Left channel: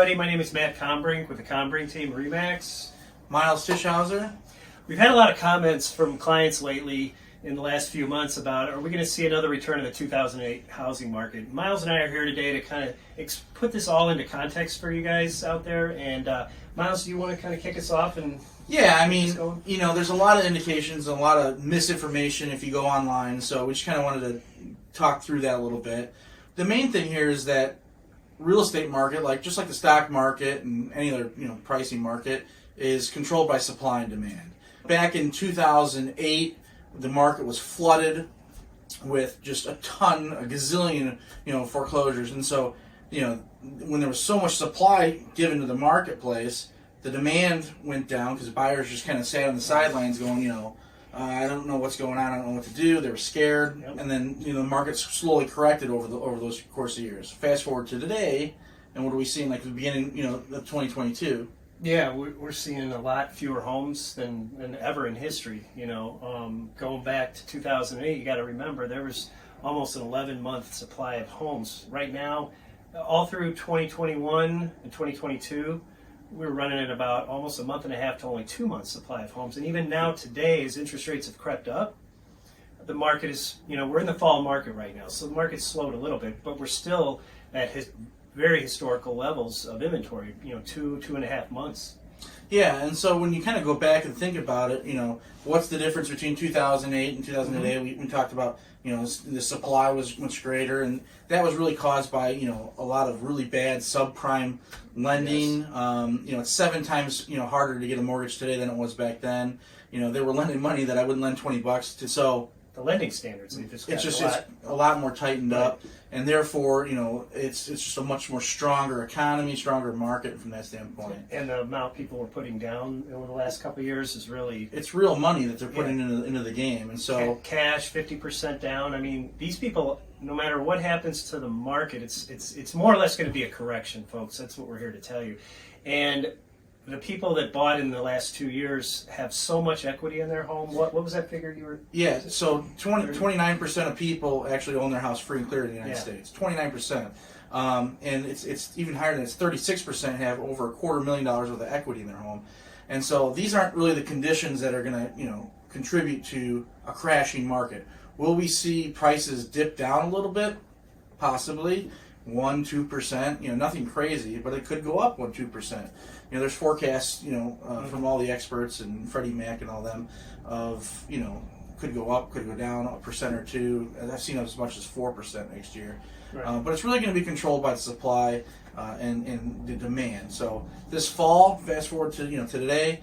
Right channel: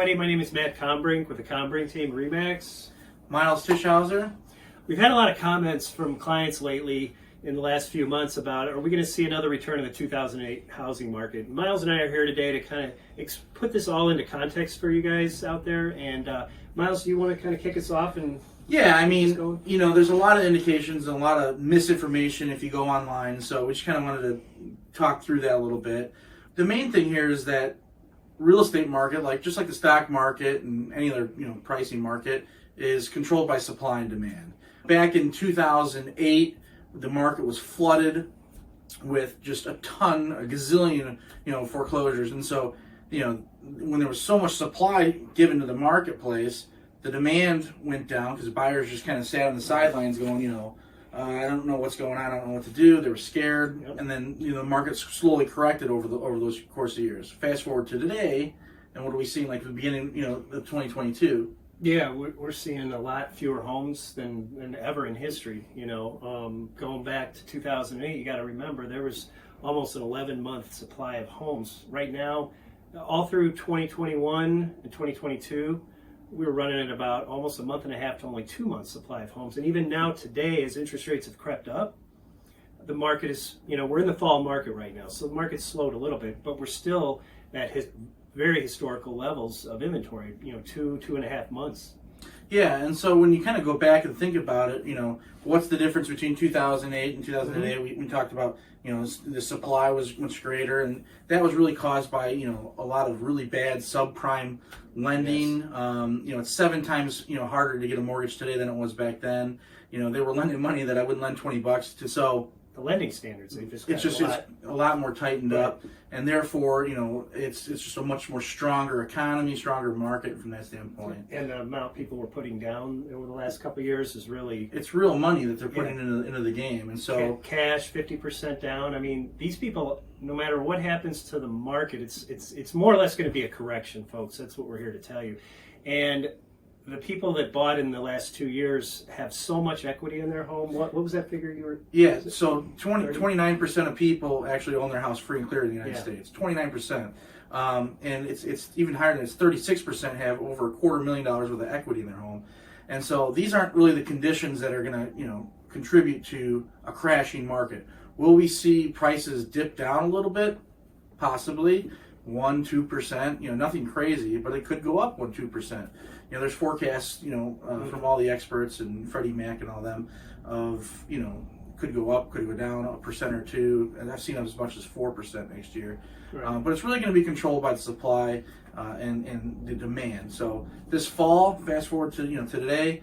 everybody. My name is Matt Combrink with the Combrink team, Remax. Miles Tischhauser. We've had a lot of comments from clients lately in the last few months about, are we going to see another return of the 2008 housing market? Miles and I are here today to kind of put this all into context for you guys out there. And Miles, do you want to kind of kick us off? And yeah, I mean, there's a lot of indications and a lot of misinformation if you go online. So we just kind of wanted to talk through that a little bit. The main thing here is that real estate market, just like the stock market and any other pricing market, is controlled by supply and demand. Back in 2008, the market was flooded with just a gazillion foreclosures, and so when there was so much supply given to the marketplace, the demand went down because buyers just kind of sat on the sidelines going, I don't know what's going on, I don't know what to do. They were scared, and then the market slowly corrected over those course of years. Fast forward to today, and what are we seeing like at the beginning of 2022? Yeah, we're seeing a lot fewer homes than ever in history. Going back to 2008, you got to remember there was almost an 11-month supply of homes. Right now, all through 2021 and 2022, we were running at about almost a month and a half to only 2 months supply of homes. And even now today, as interest rates have crept up, the market is, we're in the fall market right now. So the market's slowed a little bit, but we're still at very historical levels of inventory, 2.5 months. Yeah, and so when you kind of go back and think about it, what's the difference between 2008 and 2008? Mm-hmm. We talked about, the supply was much greater, and that was really caused by, a lot of really bad subprime lending. Yes. It's 7 times, harder to get a mortgage today than it was back then. They were lending money that I wouldn't lend $20 to, so the lending standards, it's a lot more tightened up, and therefore, it's just a much more stronger economy, stronger market from that standpoint. And the amount people were putting down over the last couple of years is it's real money that they're putting into the game, and so cash 50% down. I mean, these people, no matter what happens to the market, it's more or less going to be a correction, folks. That's what we're here to tell you, and the people that bought in the last 2 years have so much equity in their home. What was that figure you were? Yeah, so 29% of people actually own their house free and clear in the United States. 29%. And it's even higher than it's 36% have over $250,000 worth of equity in their home. And so these aren't really the conditions that are going to contribute to a crashing market. Will we see prices dip down a little bit? Possibly. 1-2%, nothing crazy, but it could go up 1-2%. There's forecasts, from all the experts and Freddie Mac and all them of, could go up, could go down 1% or 2%, and I've seen as much as 4% next year. Right. But it's really going to be controlled by the supply and the demand. So this fall, fast forward to to today,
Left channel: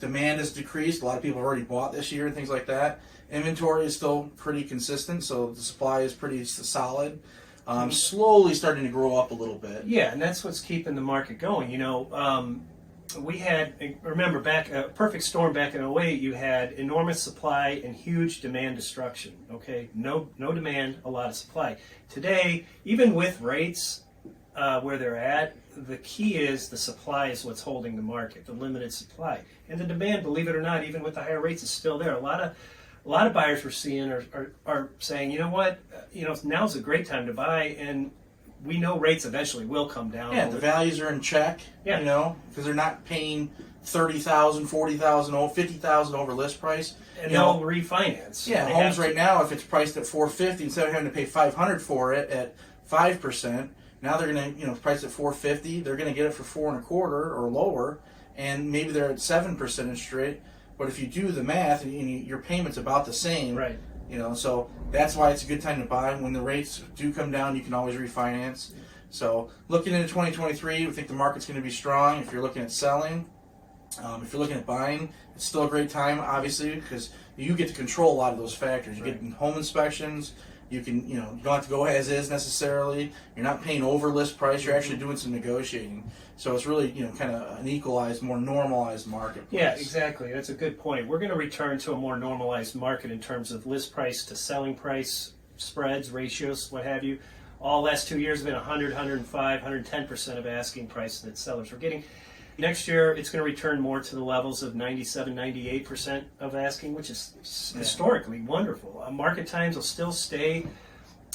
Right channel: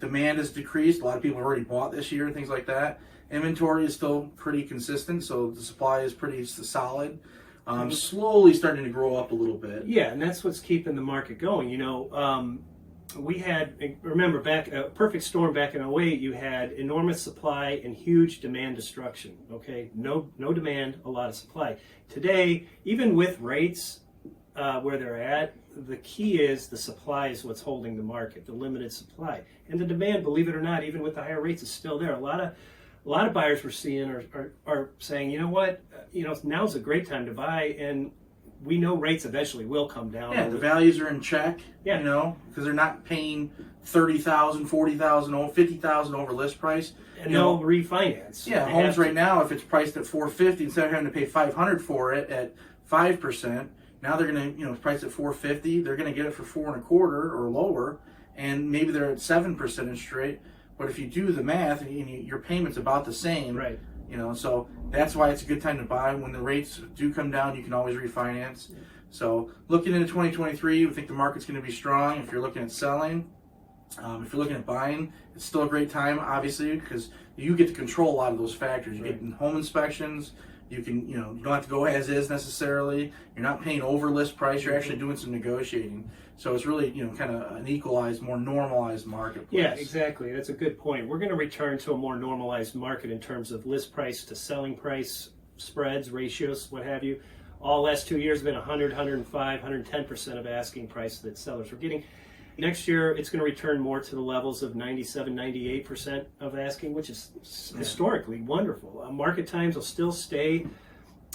demand has decreased. A lot of people have already bought this year and things like that. Inventory is still pretty consistent, so the supply is pretty solid. Slowly starting to grow up a little bit. Yeah, and that's what's keeping the market going. We had, remember, back a perfect storm back in 2008, you had enormous supply and huge demand destruction. Okay, no demand, a lot of supply. Today, even with rates where they're at, the key is the supply is what's holding the market, the limited supply. And the demand, believe it or not, even with the higher rates, is still there. A lot of buyers we're seeing are saying, you know what, now's a great time to buy, and we know rates eventually will come down. Yeah, the values are in check. Yeah, because they're not paying $30,000, $40,000, $50,000 over list price, and they'll refinance. Yeah, homes right now, if it's priced at $450,000, instead of having to pay $500,000 for it at 5%, now they're going to priced at $450,000. They're going to get it for 4.25% or lower, and maybe they're at 7% interest rate. But if you do the math, your payment's about the same. Right. So that's why it's a good time to buy. When the rates do come down, you can always refinance. So looking into 2023, we think the market's going to be strong. If you're looking at selling, if you're looking at buying, it's still a great time, obviously, because you get to control a lot of those factors. You get home inspections. You can, you don't have to go as is necessarily. You're not paying over list price. You're actually doing some negotiating. So it's really, kind of an equalized, more normalized marketplace. Yeah, exactly. That's a good point. We're going to return to a more normalized market in terms of list price to selling price, spreads, ratios, what have you. All last 2 years have been 100, 105, 110% of asking price that sellers were getting. Next year, it's going to return more to the levels of 97, 98% of asking, which is historically wonderful. Market times will still stay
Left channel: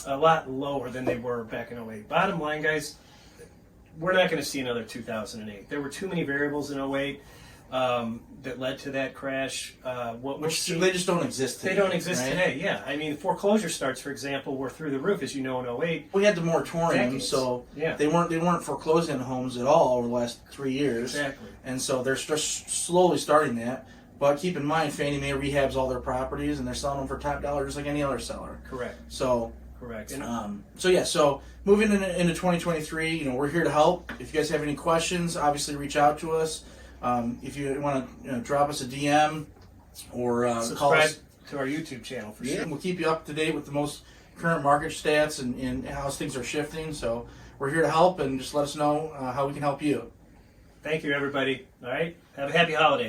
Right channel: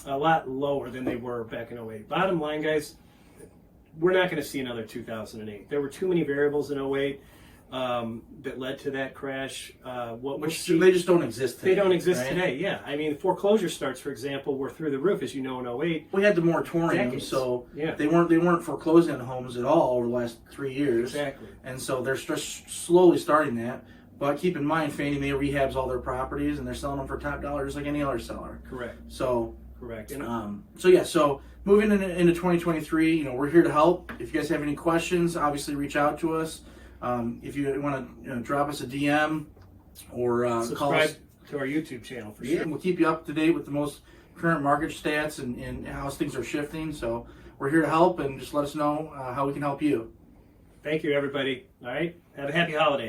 a lot lower than they were back in 2008. Bottom line, guys, we're not going to see another 2008. There were too many variables in 08 that led to that crash. Which they just don't exist today. They don't exist right? today, yeah. I mean, foreclosure starts, for example, were through the roof, as you know, in 08. We had the moratorium, Decades. so Yeah. they weren't foreclosing on homes at all over the last 3 years. Exactly. And so they're just slowly starting that. But keep in mind, Fannie Mae rehabs all their properties, and they're selling them for top dollar, just like any other seller. Correct. So, Correct. so moving into 2023, you know, we're here to help. If you guys have any questions, obviously reach out to us. If you want to drop us a DM or call subscribe us. to our YouTube channel for Yeah, sure. we'll keep you up to date with the most current market stats and how things are shifting. So we're here to help, and just let us know how we can help you. Thank you, everybody. All right. Have a happy holiday.